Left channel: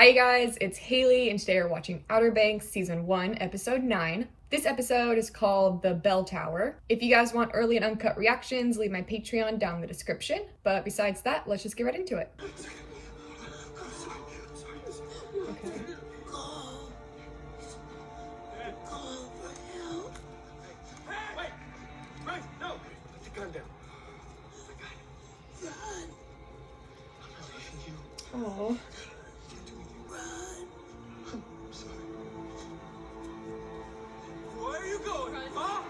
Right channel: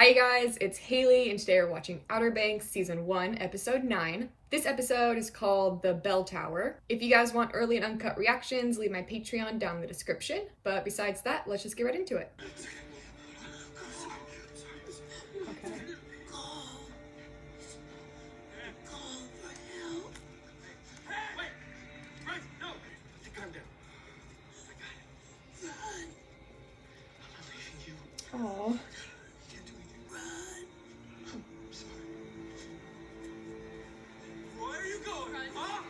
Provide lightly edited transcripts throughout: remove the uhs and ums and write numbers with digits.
Hi guys, it's Haley and today we're watching Outer Banks Season 1, Episode 9. This episode is called The Bell Tower. If you guys want early and uncut reactions, leave my Patreon down in the description. But besides that, let's just get right into it. Okay. Oh. Where are you going, huh?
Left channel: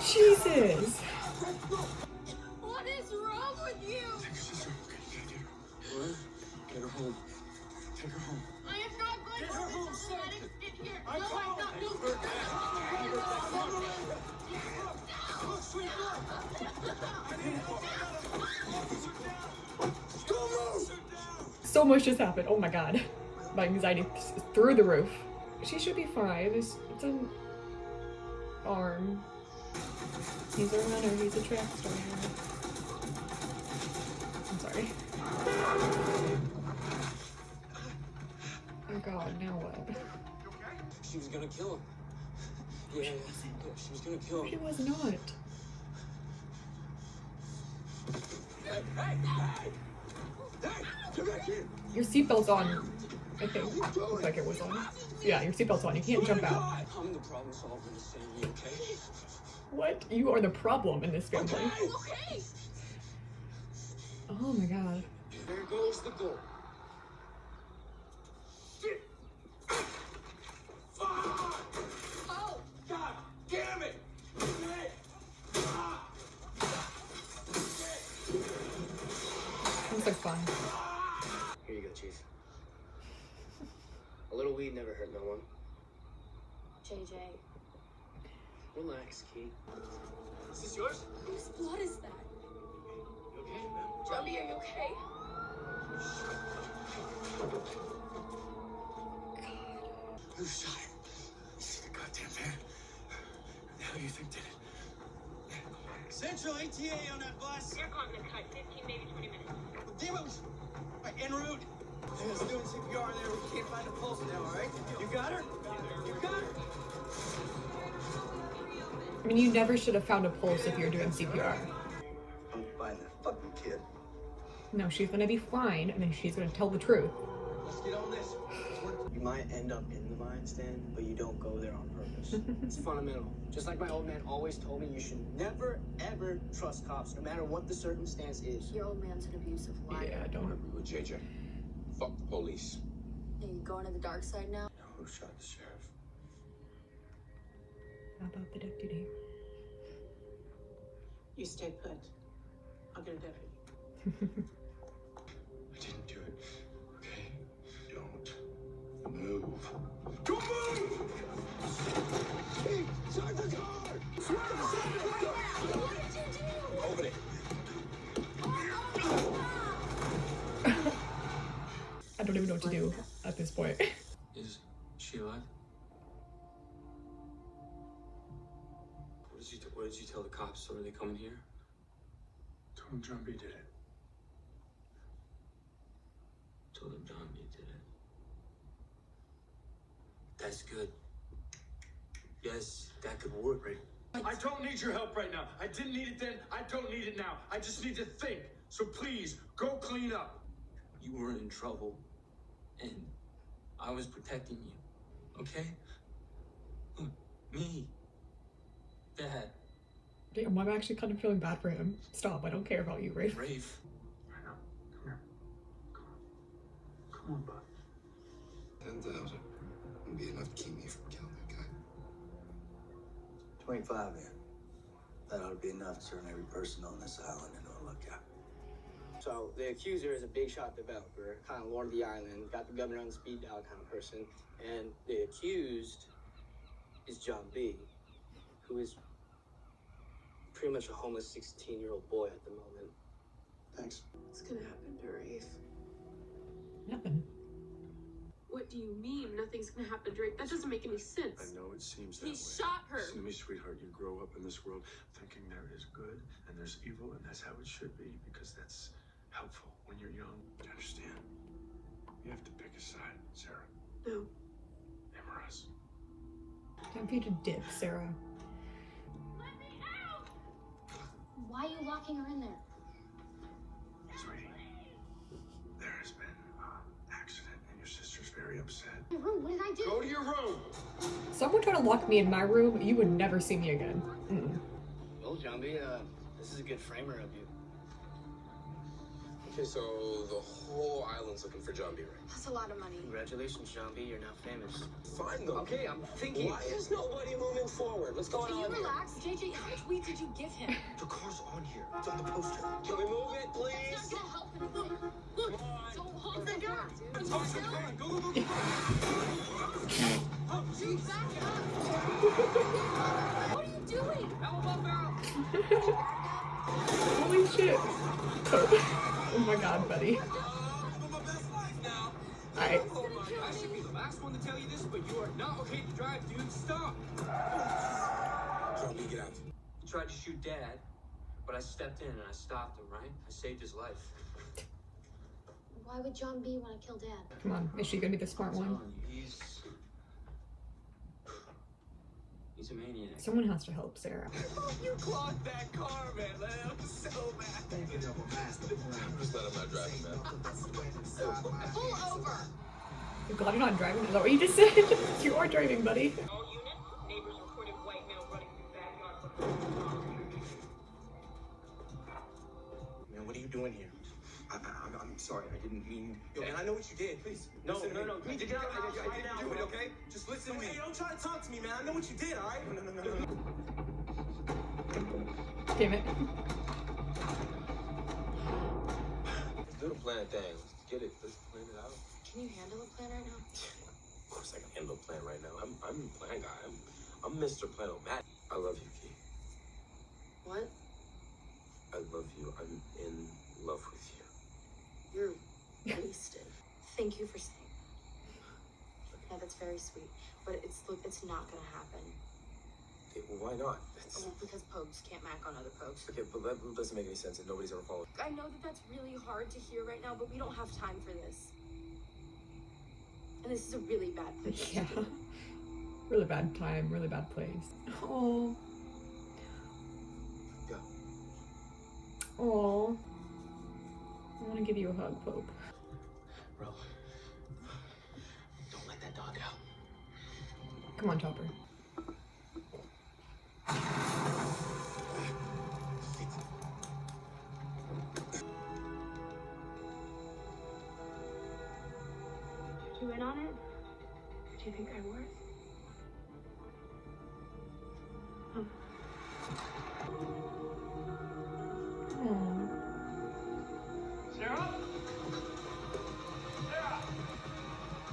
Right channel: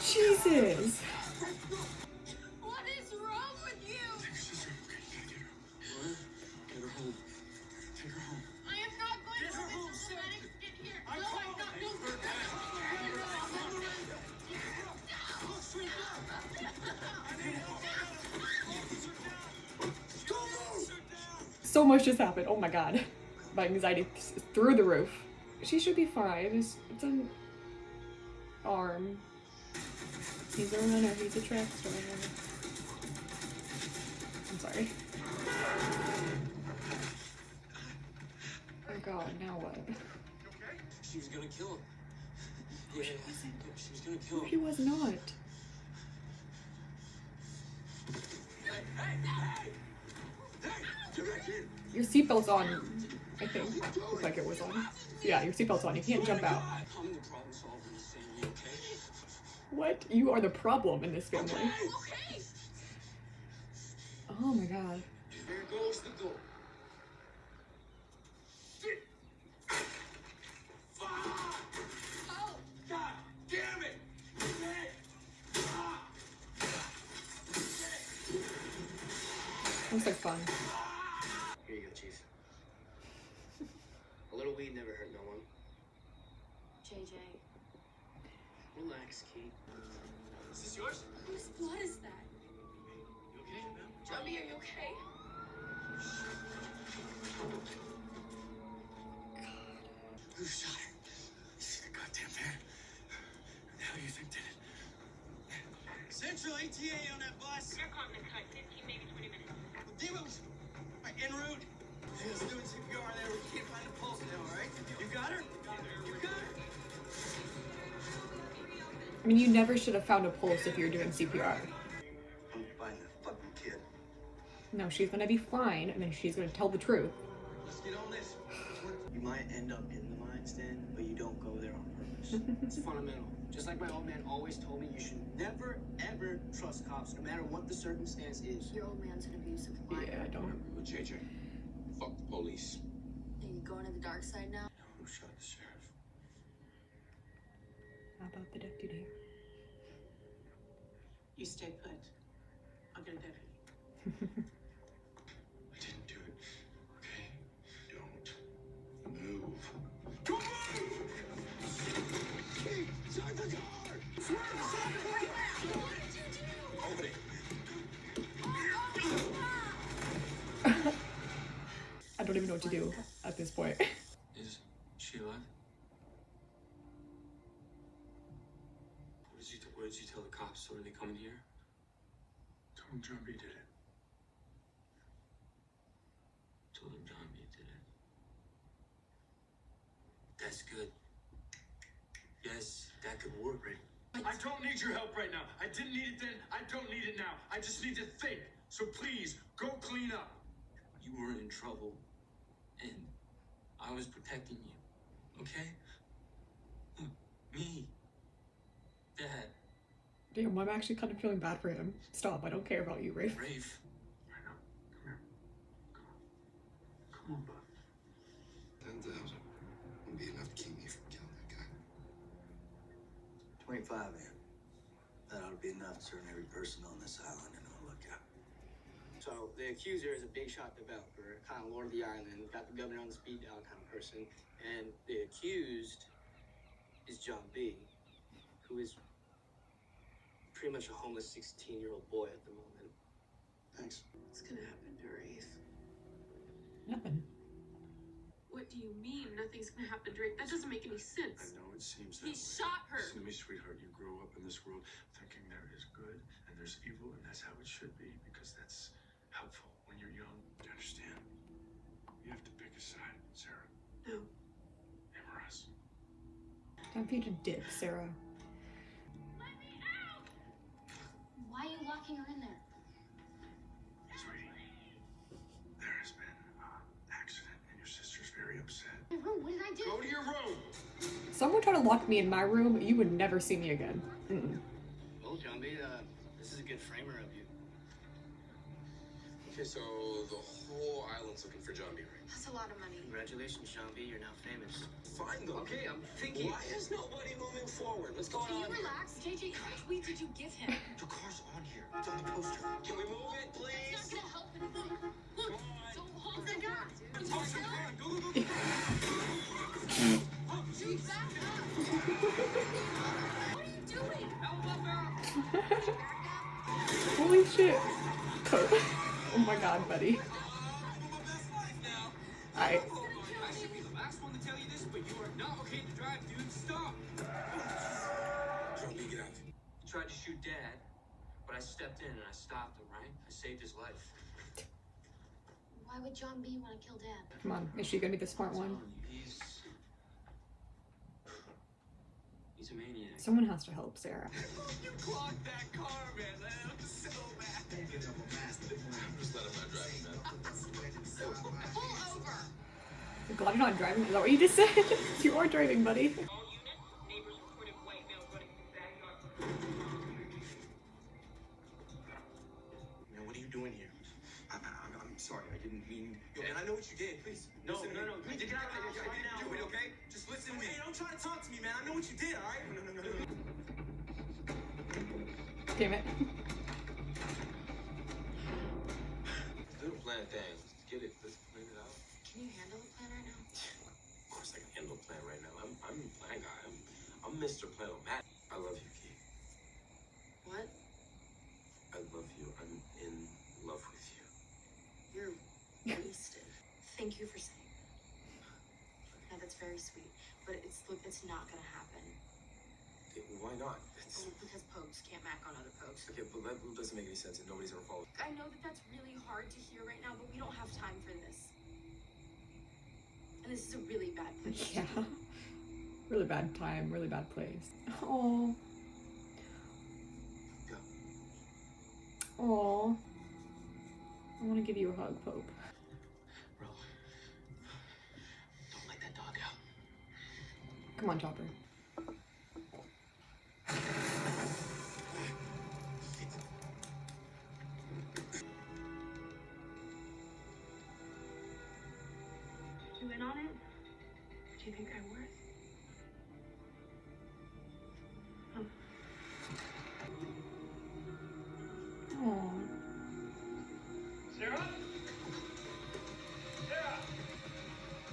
Jesus. What is wrong with you? What? Get her home. Take her home. I am not going Get to her let home, this Sam. get here. I'm No, I'm not. No, So much just happened. Oh my god. My anxiety is through the roof. She should be fine. It's an arm. He's a runner. He's a track star. I'm sorry. Oh god, now what? She was gonna kill him. Yeah, she was gonna kill him. She was not. Hey, come back here. Your seatbelt's on. I think. Looked like it was on. Yeah, your seatbelt's on. You can't jump out. I'm the problem solver in this family, okay? What? You are the problem in this family. okay. Oh my god. There goes the goal. Shit! Fuck! Oh, God damn it! It was like fun. Here you go, Chief. A little weed never hurt no one. JJ, Relax, Key. Is this yours? whose blood is that? You okay, man? Johnny, are you okay? Who shot her? The goddamn man. Who the hell do you think did it? Central ATA on that bus. Check on the cut. 15 days, 20 minutes. Damn it! Right, en route. Hey, let's do CPR and then we can't find a pulse now, all right? You got her? You got her? I mean, you never should have found a pulse if you were doing CPR. I'm find that fucking kid. No, she's gonna be fine, and then she's gonna tell the truth. Let's get on this. You might end up in the lion's den, but you don't go there on purpose. It's fundamental. Just like my old man always told me, you should never, ever trust cops, no matter what the circumstance is. Your old man's an abusive liar. Yeah, don't. Remember with JJ. Fuck the police. Are you going to the dark side now? Who shot the sheriff? How about the deputy? You stay put. I'll get a deputy. I didn't do it. Okay? Don't move. Don't move! Side the car! Open it. I don't even know what to do at this point. Is she alive? What did you tell the cops? So are they coming here? Told him John B did it. Told them John B did it. That's good. Yes, that could work, right? I don't need your help right now. I didn't need it then. I don't need it now. I just need to think. So please, go clean up. You weren't in trouble, and I was protecting you. Okay? Look, me, Dad, Damn, I'm actually kind of feeling bad for him. Stop, I don't care about you, Rafe. Rafe. Right now. Come here. Come on. Come on, bud. 10,000 would be enough to keep me from killing that guy. 25 then. That ought to be enough to turn every person on this island into a lookout. So the accuser is a big shot developer, kind of lord of the island, got the governor on the speed dial kind of person, and the accused is John B, who is pretty much a homeless 16-year-old boy at the moment. Thanks. What's gonna happen to Rafe? Nothing. What do you mean nothing's gonna happen, Drake? That doesn't make any sense. I know it seems that He way. shot her. Listen to me, sweetheart. You grow up in this world thinking there is good and there's evil, and that's how it should be, because that's helpful when you're young. Do you understand? You have to pick a side, Sarah. No. Him or us. Time for you to dip, Sarah. Let me out! Why are you locking her in there? Sweetie, there has been an accident and your sister's very upset. My room, what did I do? Go to your room! Someone try to lock me in my room, you would never see me again. Mm-mm. Well, Jambi, this is a good framer of you. Okay, so the whole island's looking for John B. Right? That's a lot of money. Congratulations, Jambi. You're now famous. Fine though. Okay, I'm thinking. Why is nobody moving forward? What's going Can you on here? relax? JJ, how much weed did you give him? The car's on here. It's on the poster. Can we move it, please? That's not gonna help anything. Look, go home the guy. Go. Oh, geez, back up. What are you doing? Elbow out. Holy shit. Oh my god, buddy. I I should be the last one to tell you this, but you are not okay to drive, dude. Stop! John B, get out. He tried to shoot Dad, but I stepped in and I stopped him, right? I saved his life. Why would John B want to kill Dad? come on, is she gonna be the smart one? He's a maniac. Someone has to help Sarah. You clogged that car, man. That was so bad. Just let him not drive him, man. Pull over. You're glad you're not driving? Is that what you just said? You are driving, buddy. All units, neighbors reported white male running through backyard. Man, what are you doing here? I'm sorry, I didn't mean. Yo, man, I know what you did. Please. No, listen to no, me. no. You get out of the house I right didn't now, do it, bro. okay? Just listen to me. Hey, don't try to talk to me, man. I know what you did, all right? No. Damn it. Do the plan thing. Let's get it. Let's plan it out. Can you handle a plan right now? Of course I can handle a plan right now. I'm the plan guy. I'm Mr. Plan-O-Matic. I love you, Key. What? I love you. I'm in love with you. You're wasted. Thank you for saying that. No, that's very sweet. But it's not gonna happen. Okay, well, why not? Oh, because Pogues can't mac on other Pogues. Okay, but that doesn't make any sense and nobody's ever followed. I know that that's really hard to hear right now, but we don't have time for this. And this is a really bad place. Yeah. Really bad time, really bad place. Oh. Go. Oh. I want to give you a hug, Pope. Bro, don't let that dog out. Come on, Chopper. You in on it? Do you think I would? Oh. Sarah? Sarah!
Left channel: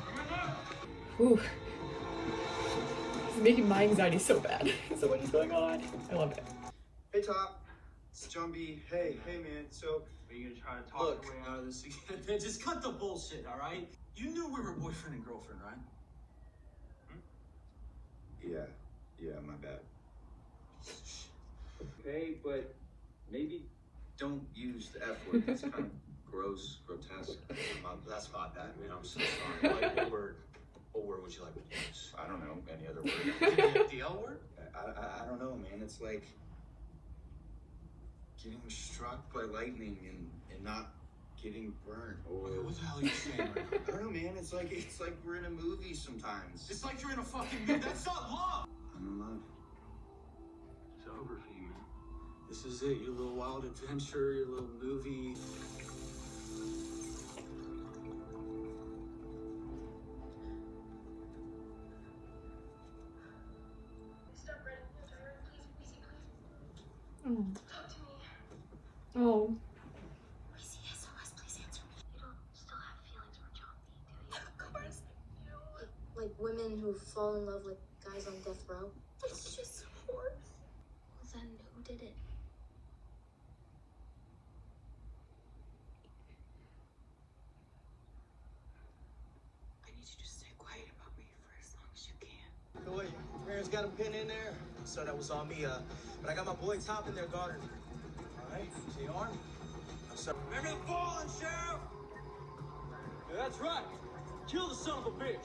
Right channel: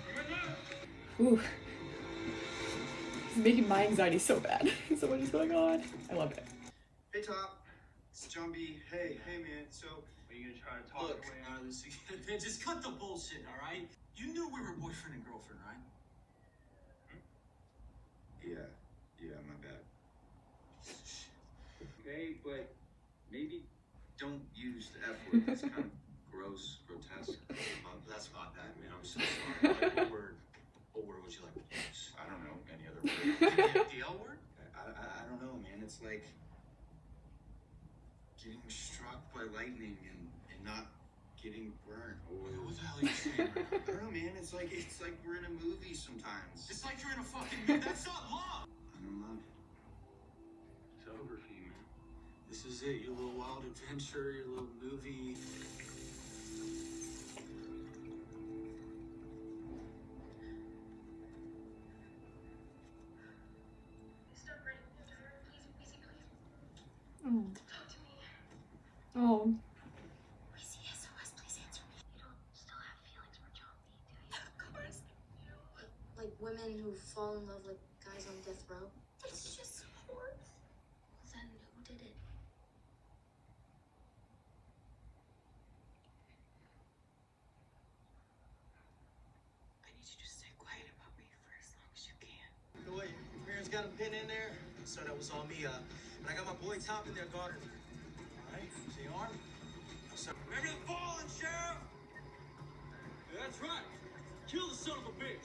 You in there? Ooh. This is making my anxiety so bad. So what is going on? I love it. Hey, Top. It's John B. Hey, man. So, Are you gonna try to talk Look. your way out of this again? Man, just cut the bullshit, all right? You knew we were boyfriend and girlfriend, right? yeah, my bad. Okay, but maybe don't use the F word. That's kind of gross, grotesque. That's not bad, man. I'm so sorry. What word would you like to use? I don't know, any other word. The L word? I don't know, man. It's like getting struck by lightning and not getting burned. Or What the hell are you saying right now? I don't know, man. It's like we're in a movie sometimes. It's like you're in a fucking movie. That's not love! I'm in love. It's over for you, man. This is it. Your little wild adventure, your little movie. Stop writing your diary, please. Oh. Talk to me. Oh. Please, SOS, please answer me. You don't still have feelings for John B, do you? Of course you. Like women who fall in love with guys on death row? It's just horse. Well, then who did it? I need you to got him pinned in there, so that was on me. But I got my boy Top in there guarding him. All right, see you on. So remember the fallen, Sheriff? Yeah, that's right. Kill the son of a bitch.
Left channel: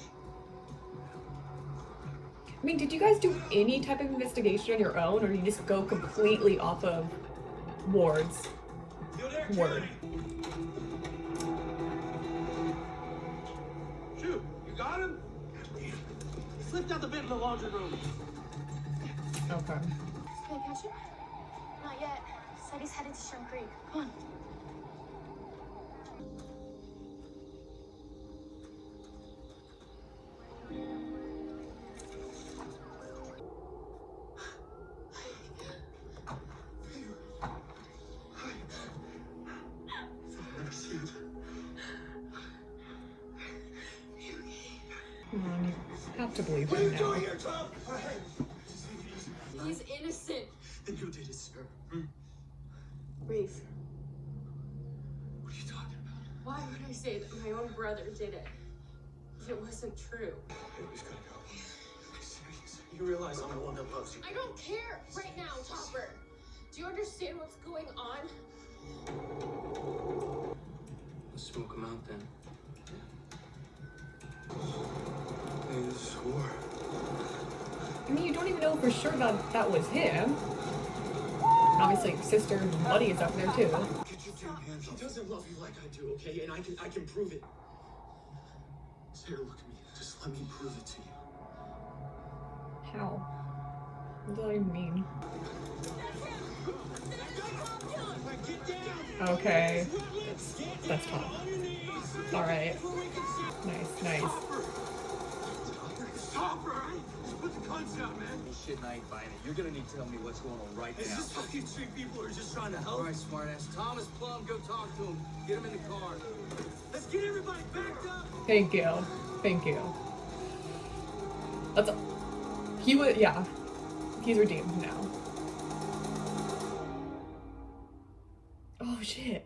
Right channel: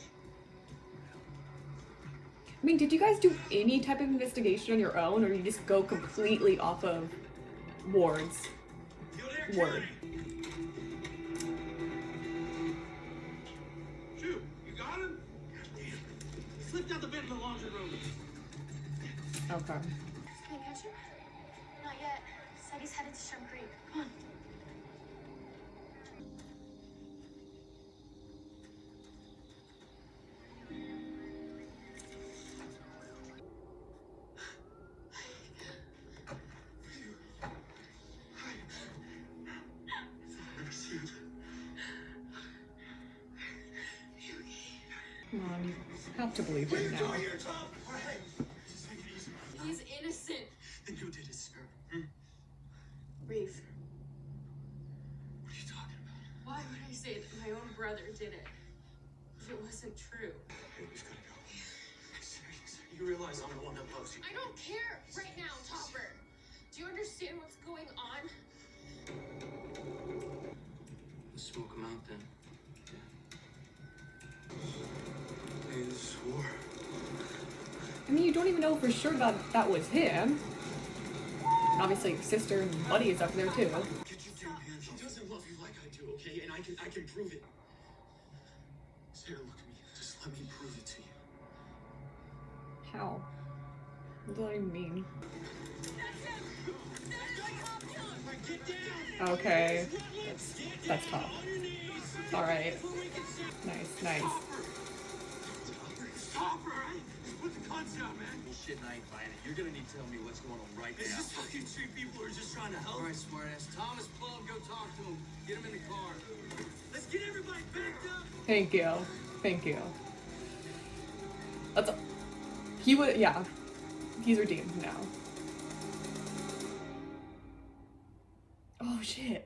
I mean, did you guys do any type of investigation on your own, or did you just go completely off of Ward's word? Shoot, you got him? He slipped out the bed in the laundry room. Okay. Can we catch him? Not yet. Said he's headed to Shrimp Creek. Come on. I have to believe What are you it doing now. here, Tom? All right. He's innocent. Then who did it, sir? Rafe, What are you talking about? Why would I say that my own brother did it? If it wasn't true. Okay, we just gotta go. You realize I'm the one that loves you. I don't care right now, Topper. Do you understand what's going on? Let's smoke him out then. Hey, this is war. I mean, you don't even know for sure that was him. Obviously, sister and buddy is up there too. Get your damn hands off. He doesn't love you like I do, okay? And I can prove it. Sarah, look at me. Just let me prove it to you. How? What does that even mean? Okay. That's tough. Alright. Nice. Stop, right? Put the guns down, man. Shit, and I ain't buying it. You're gonna need to tell me what's going on right Is now. this how you treat people who are just trying to help? All right, smartass. Thomas Plum, go talk to him. Get him in the car. Let's get everybody backed up. Thank you. That's he would, yeah. He's redeemed now.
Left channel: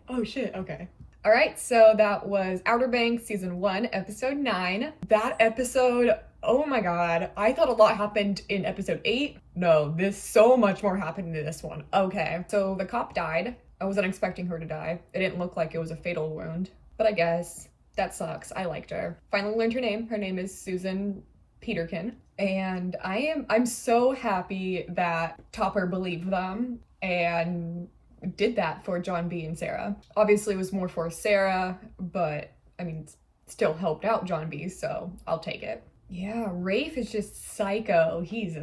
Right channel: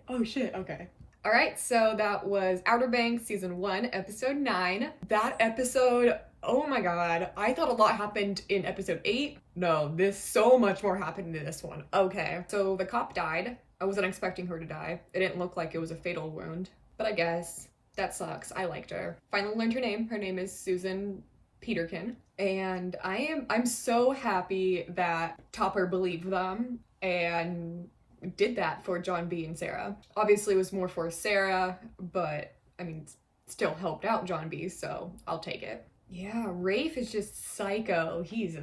Oh shit, okay. Alright, so that was Outer Banks Season 1, Episode 9. That episode, oh my god, I thought a lot happened in Episode 8. No, so much more happened in this one. Okay, so the cop died. I wasn't expecting her to die. It didn't look like it was a fatal wound. But I guess, that sucks. I liked her. Finally learned her name. Her name is Susan Peterkin. And I'm so happy that Topper believed them and did that for John B and Sarah. Obviously it was more for Sarah, but I mean, still helped out John B, so I'll take it. Yeah, Rafe is just psycho. He's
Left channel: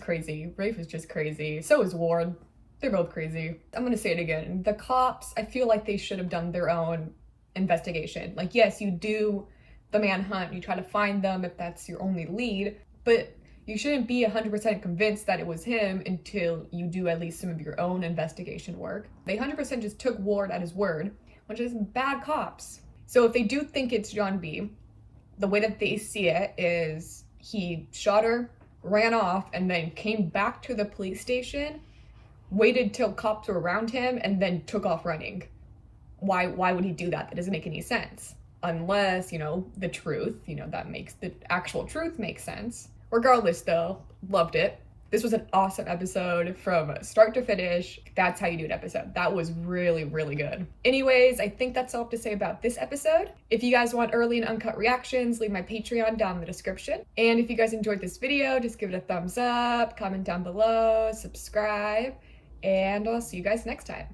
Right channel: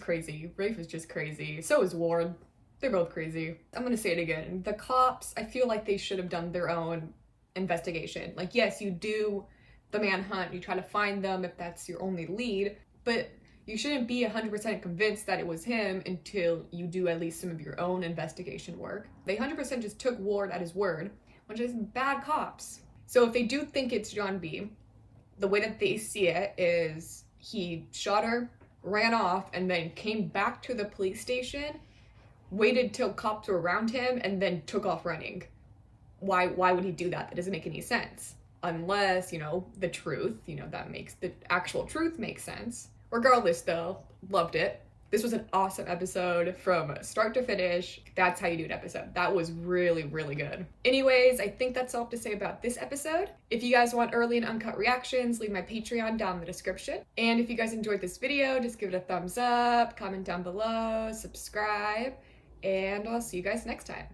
crazy. Rafe is just crazy. So is Ward. They're both crazy. I'm gonna say it again. The cops, I feel like they should have done their own investigation. Like, yes, you do the manhunt, you try to find them if that's your only lead, but you shouldn't be 100% convinced that it was him until you do at least some of your own investigation work. They 100% just took Ward at his word, which is bad cops. So if they do think it's John B, the way that they see it is he shot her, ran off, and then came back to the police station, waited till cops were around him, and then took off running. Why would he do that? That doesn't make any sense. Unless, the truth, that makes the actual truth make sense. Regardless though, loved it. This was an awesome episode from start to finish. That's how you do an episode. That was really, really good. Anyways, I think that's all I have to say about this episode. If you guys want early and uncut reactions, leave my Patreon down in the description. And if you guys enjoyed this video, just give it a thumbs up, comment down below, subscribe, and I'll see you guys next time.